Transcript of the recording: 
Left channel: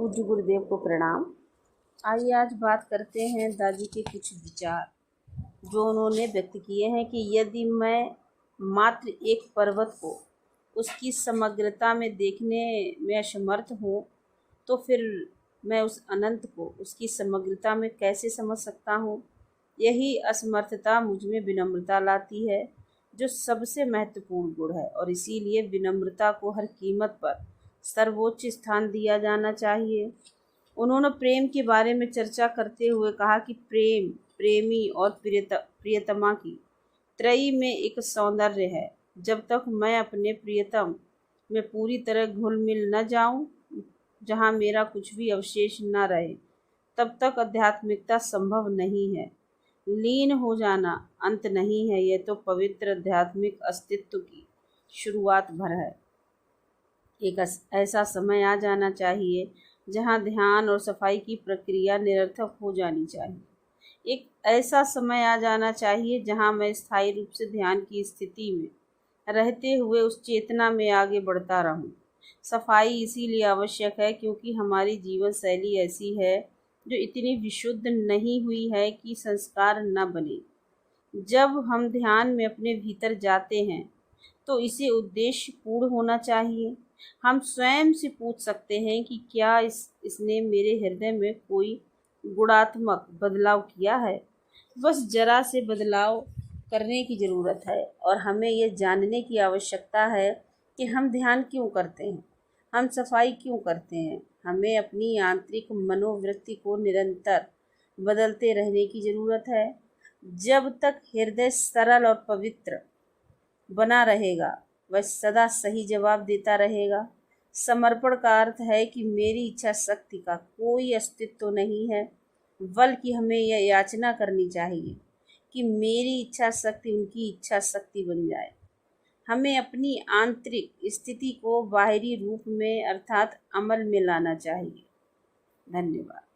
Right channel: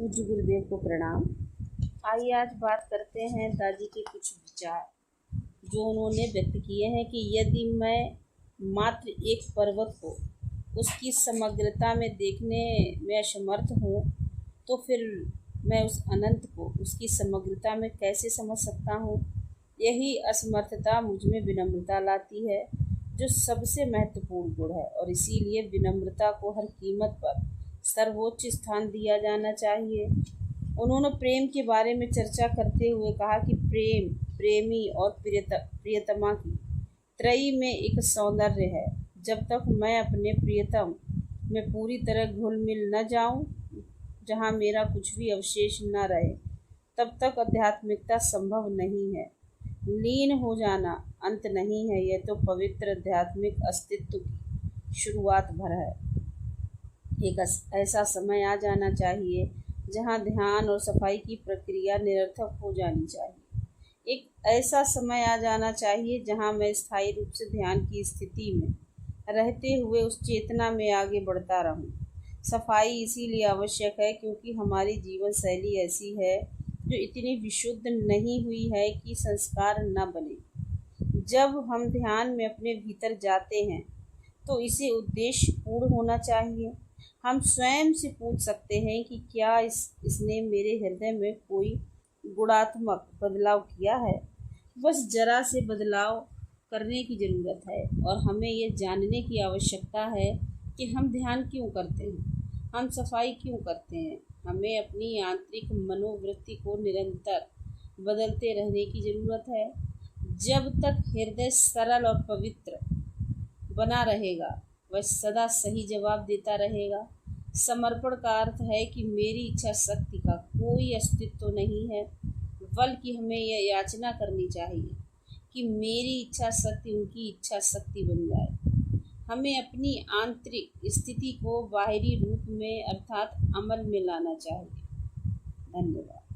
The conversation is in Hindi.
पूज्य गुरुदेव को प्रणाम। आइए आज बात करते हैं दादी के कुछ विचार जो उन्होंने व्यक्त किए हैं कि यदि मैं मात्र एक पर्वत को उसकी समग्रता में देखने में असमर्थ हूँ तो फिर मैं उस अनंत को उसकी समग्रता में कैसे समझ सकता हूँ। यही असमर्थता मुझ में विनम्रता लाती है जो सबसे महत्वपूर्ण गुण है, और इसीलिए विनम्रता को हर कीमत पर सर्वोच्च स्थान दिया जाना चाहिए। उन्होंने प्रेम के बारे में चर्चा करते हुए कहा कि प्रेम प्रेमी और प्रियतमा की त्रयी में एक सौंदर्य है। जब तक मैं अपने प्रियतम में पूरी तरह घुल मिल न जाऊं, जहां मेरा कुछ भी अवशेष न रहे, तब तक आध्यात्मिकता संभव नहीं है। लीन हो जाना अंत नहीं है, यह तो पवित्र आध्यात्मिक अस्तित्व की शुरुआत भर है। एक ऐसा समय आ जाना चाहिए जहां ध्यान और सफाई की प्रक्रिया निरर्थक हो जानी चाहिए। एक ऐसा समय आ जाना चाहिए जहां मैं स्थायी रूप से ध्यान की स्थिति में रहते हुए उस चेतना में आगे बढ़ता रहूं। सफाई इसीलिए आवश्यक है क्योंकि हमारी जीवन शैली ऐसी है जो इतनी विशुद्ध नहीं हुई है कि संस्कार न बने। जब हम ध्यान में अपने भीतर जाते हैं तो इसे उद्देश्य पूर्ण होना चाहिए। हम स्वयं से पूछ सकते हैं कि क्या इसने मेरे हृदय में कोई गुणात्मक बदलाव किया है। बस जरा से बदलाव करने की ज़रूरत है, और हमें यह जानने की आवश्यकता है कि हम ध्यान क्यों करते हैं, हम सफाई क्यों करते हैं। हमें अपनी आंतरिक मनोवृत्ति को निरंतर बदलते रहने की ज़रूरत है। जब तक हृदय सरल और पवित्र बना रहेगा, वह सदा सही जवाब देता रहेगा। समर्पण का अर्थ है कि मेरी इच्छा शक्ति का कोई अस्तित्व नहीं है, बल्कि हमें यह याचना करनी चाहिए कि मेरी इच्छा शक्ति उनकी इच्छा शक्ति बन जाए। हमें अपनी आंतरिक स्थिति को बाहरी रूप में अर्थात अमल में लाना चाहिए। धन्यवाद।